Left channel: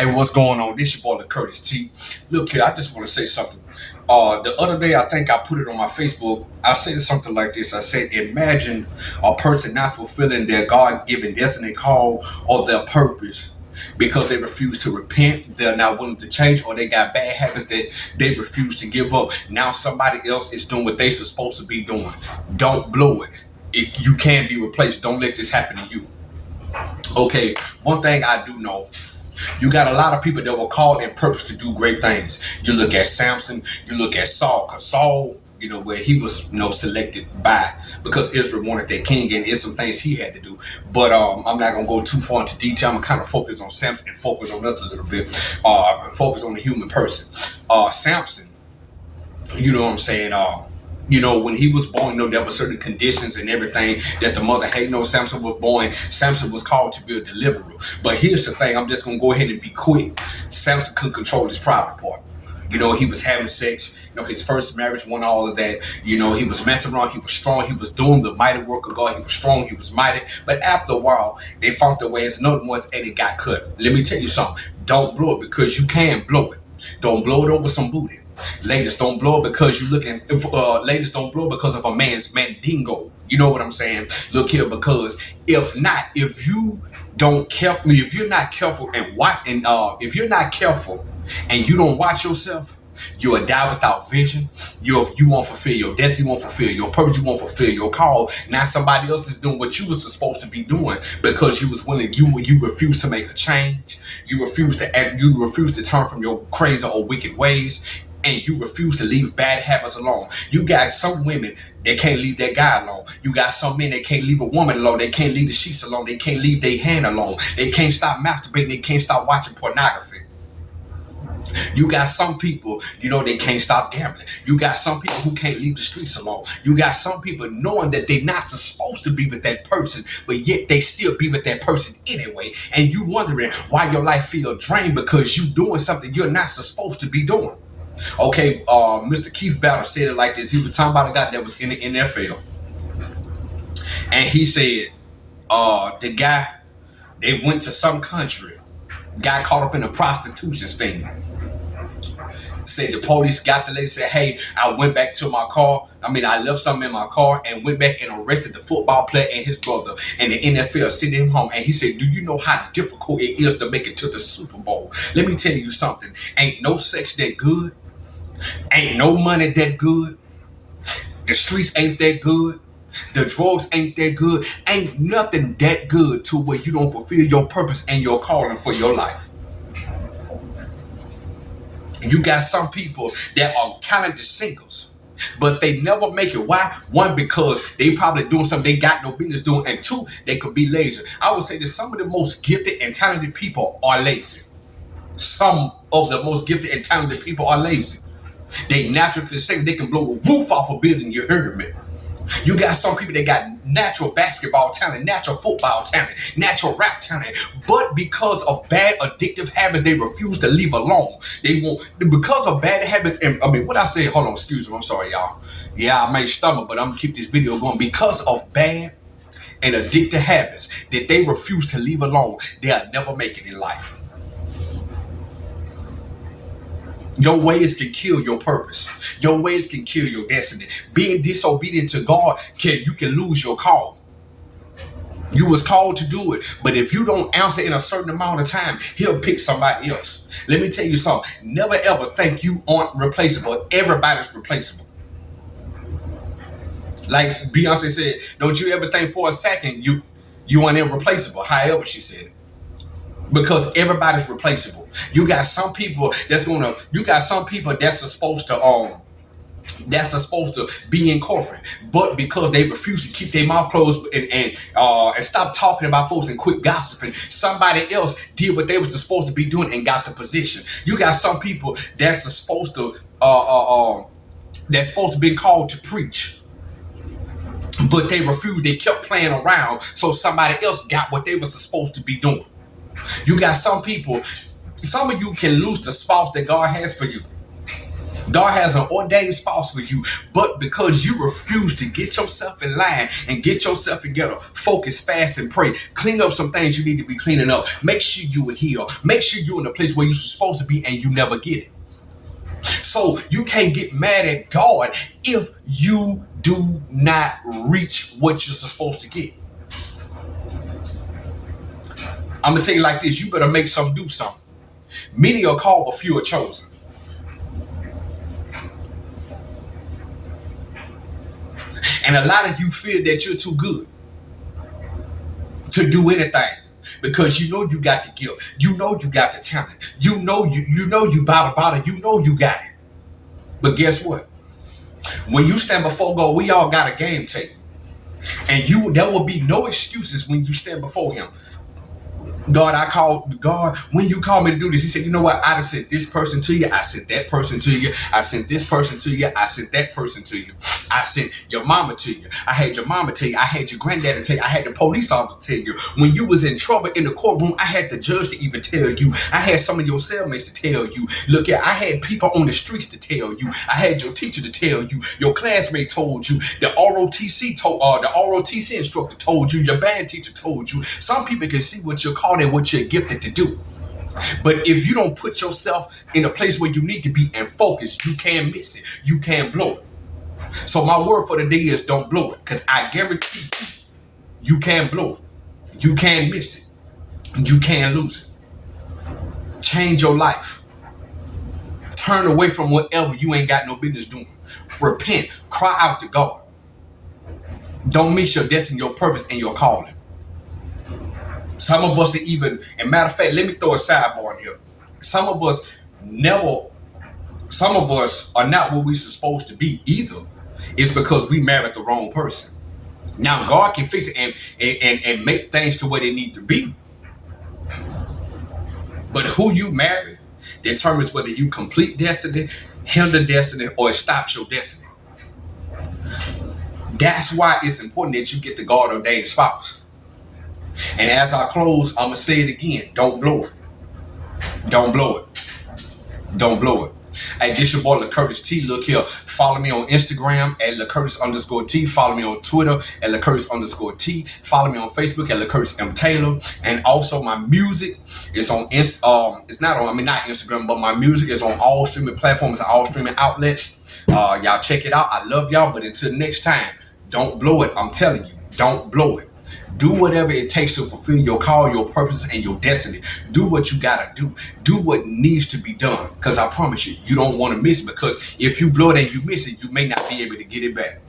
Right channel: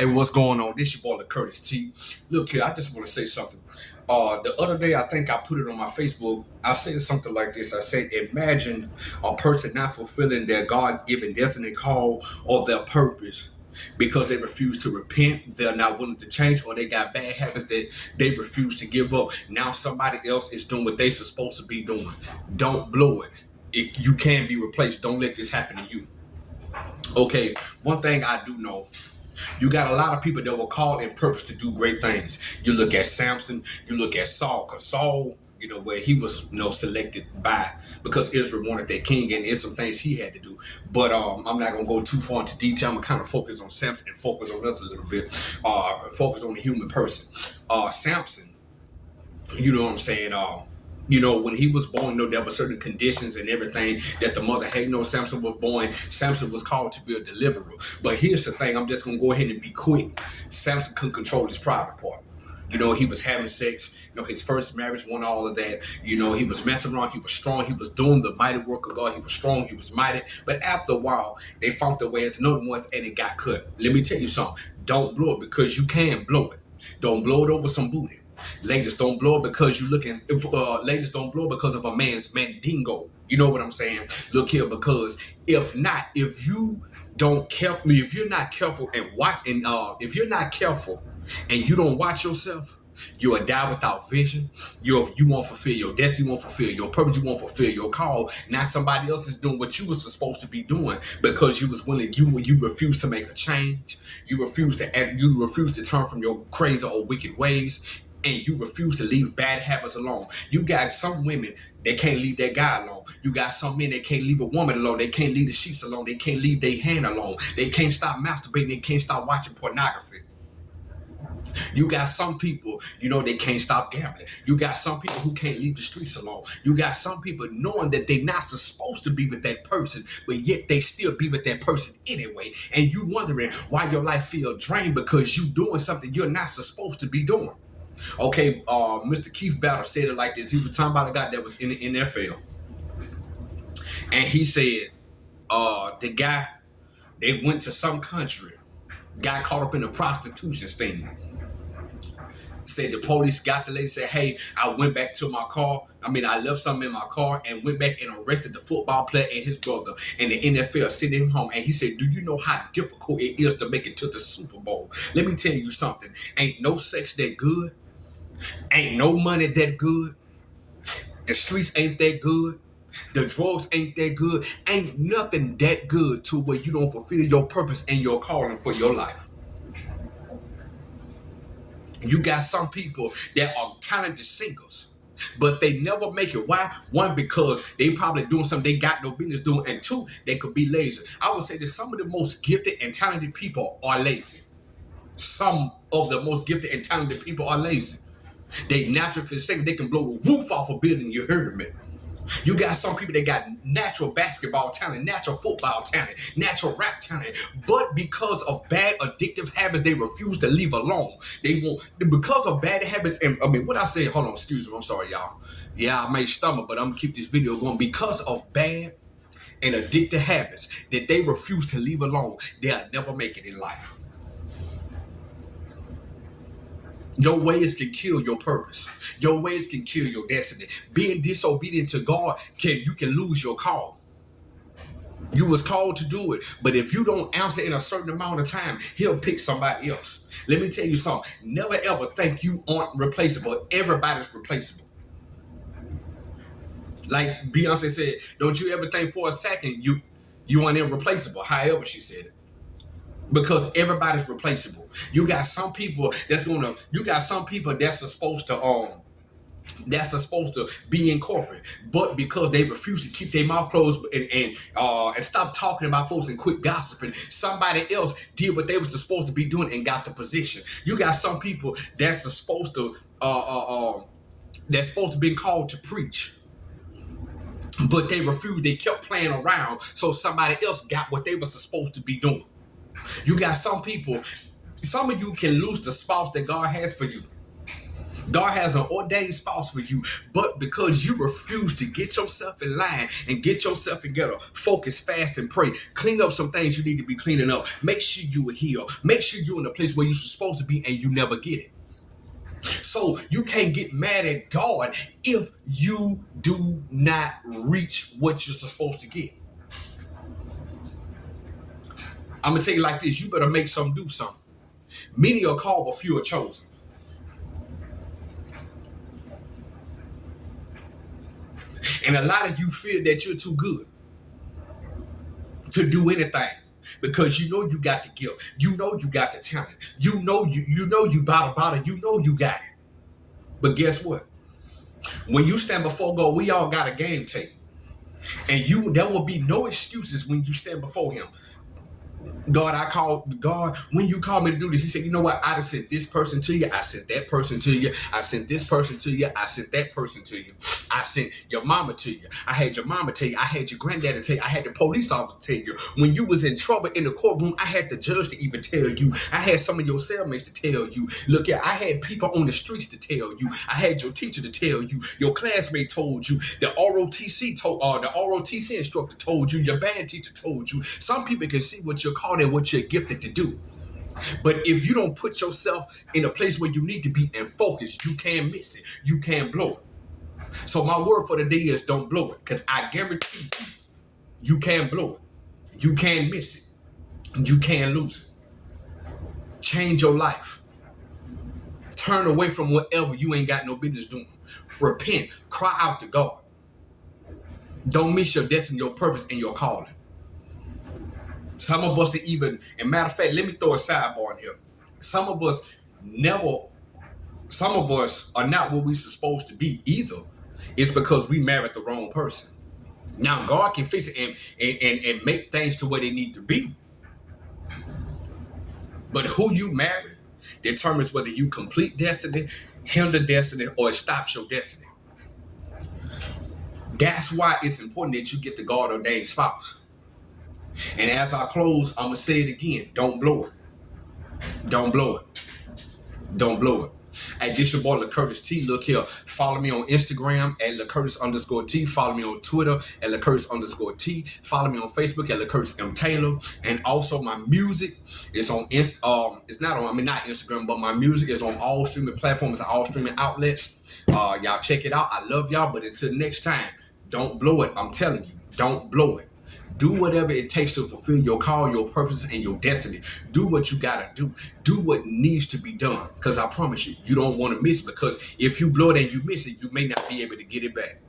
Hey, what's going on? This your boy, Curtis T. Look here, I just want to say something. The other day, I think I put it on my Facebook. I said something like this. I said, imagine a person not fulfilling their God-given destiny call or their purpose because they refuse to repent, they're not willing to change, or they got bad habits that they refuse to give up. Now somebody else is doing what they're supposed to be doing. Don't blow it. You can be replaced. Don't let this happen to you. Okay, one thing I do know. You got a lot of people that were called and purpose to do great things. You look at Samson, you look at Saul, because Saul, where he was, selected by, because Israel wanted their king, and there's some things he had to do. But I'm not going to go too far into detail. I'm going to kind of focus on Samson and focus on us a little bit. Focus on the human person. Samson, you know what I'm saying? When he was born, there were certain conditions and everything that the mother had. Samson was born. Samson was called to be a deliverer. But here's the thing. I'm just going to go ahead and be quick. Samson couldn't control his private part. He was having sex. His first marriage won all of that. He was messing around. He was strong. He was doing the mighty work of God. He was strong. He was mighty. But after a while, they found their ways another ones and it got cut. Let me tell you something. Don't blow it because you can blow it. Don't blow it over some booty. Ladies, don't blow it because you looking. Ladies, don't blow it because of a man's mandingo. You know what I'm saying? Look here, because if you're not careful and watch, and if you're not careful and you don't watch yourself, you will die without vision. You won't fulfill your destiny. You won't fulfill your purpose. You won't fulfill your call. Now somebody else is doing what you was supposed to be doing because you was willing. You refuse to make a change. You refuse to act. You refuse to turn from your crazy or wicked ways. And you refuse to leave bad habits alone. You got some women that can't leave their guy alone. You got some men that can't leave a woman alone. They can't leave the sheets alone. They can't leave their hand alone. They can't stop masturbating. They can't stop watching pornography. You got some people, they can't stop gambling. You got some people who can't leave the streets alone. You got some people knowing that they're not supposed to be with that person, but yet they still be with that person anyway. And you wondering why your life feel drained because you doing something you're not supposed to be doing. Okay, Mr. Keith Battle said it like this. He was talking about a guy that was in the NFL. And he said, the guy, they went to some country, got caught up in a prostitution sting. Said the police got the lady, said, hey, I went back to my car. I left something in my car and went back and arrested the football player and his brother. And the NFL sent him home. And he said, do you know how difficult it is to make it to the Super Bowl? Let me tell you something. Ain't no sex that good. Ain't no money that good. The streets ain't that good. The drugs ain't that good. Ain't nothing that good to where you don't fulfill your purpose and your calling for your life. You got some people that are talented singers, but they never make it. Why? One, because they probably doing something they got no business doing, and two, they could be lazy. I would say that some of the most gifted and talented people are lazy. Some of the most gifted and talented people are lazy. They naturally sing. They can blow the roof off a building. You heard me. You got some people that got natural basketball talent, natural football talent, natural rap talent, but because of bad addictive habits, they refuse to leave alone. They won't, because of bad habits. And what I say, hold on, excuse me, I'm sorry, y'all. Yeah, I may stumble, but I'm gonna keep this video going. Because of bad and addictive habits that they refuse to leave alone, they'll never make it in life. Your ways can kill your purpose. Your ways can kill your destiny. Being disobedient to God, you can lose your call. You was called to do it, but if you don't answer in a certain amount of time, he'll pick somebody else. Let me tell you something. Never ever think you aren't replaceable. Everybody's replaceable. Like Beyonce said, don't you ever think for a second you aren't irreplaceable. However she said it. Because everybody's replaceable. You got some people that's supposed to be in corporate, but because they refuse to keep their mouth closed and stop talking about folks and quit gossiping, somebody else did what they was supposed to be doing and got the position. You got some people that's supposed to be called to preach, but they refused. They kept playing around, so somebody else got what they was supposed to be doing. You got some people, some of you can lose the spouse that God has for you God has an ordained spouse for you, but because you refuse to get yourself in line and get yourself together, focus, fast, and pray. Clean up some things you need to be cleaning up. Make sure you are here. Make sure you're in the place where you're supposed to be and you never get it. So you can't get mad at God if you do not reach what you're supposed to get. I'm going to tell you like this. You better make some do something. Many are called, but few are chosen. And a lot of you feel that you're too good to do anything because you know you got the gift. You know you got the talent. You know you about it. You know you got it. But guess what? When you stand before God, we all got a game tape. And there will be no excuses when you stand before him. God, when you called me to do this, he said, you know what? I sent this person to you. I sent that person to you. I sent this person to you. I sent that person to you. I sent your mama to you. I had your mama tell you. I had your granddaddy tell you. I had the police officer tell you. When you was in trouble in the courtroom, I had the judge to even tell you. I had some of your cellmates to tell you. Look, I had people on the streets to tell you. I had your teacher to tell you. Your classmate told you. The ROTC instructor told you. Your band teacher told you. Some people can see what you're called and what you're gifted to do. But if you don't put yourself in a place where you need to be and focus, you can't miss it. You can't blow it. So my word for the day is don't blow it. Because I guarantee you can't blow it. You can't miss it. You can't lose it. Change your life. Turn away from whatever you ain't got no business doing. Repent. Cry out to God. Don't miss your destiny, your purpose, and your calling. Some of us and matter of fact, let me throw a sidebar in here. Some of us are not what we're supposed to be either. It's because we married the wrong person. Now God can fix it and make things to where they need to be. But who you marry determines whether you complete destiny, hinder destiny, or it stops your destiny. That's why it's important that you get the God ordained spouse. And as I close, I'm going to say it again. Don't blow it. Don't blow it. Don't blow it. Hey, this your boy LaCurtis T. Look here. Follow me on Instagram at LaCurtis_T. Follow me on Twitter at LaCurtis_T. Follow me on Facebook at LaCurtis M. Taylor. And also my music is on not Instagram, but my music is on all streaming platforms and all streaming outlets. Y'all check it out. I love y'all. But until next time, don't blow it. I'm telling you, don't blow it. Do whatever it takes to fulfill your call, your purpose, and your destiny. Do what you gotta do. Do what needs to be done. Because I promise you, you don't want to miss it. Because if you blow it and you miss it, you may not be able to get it back.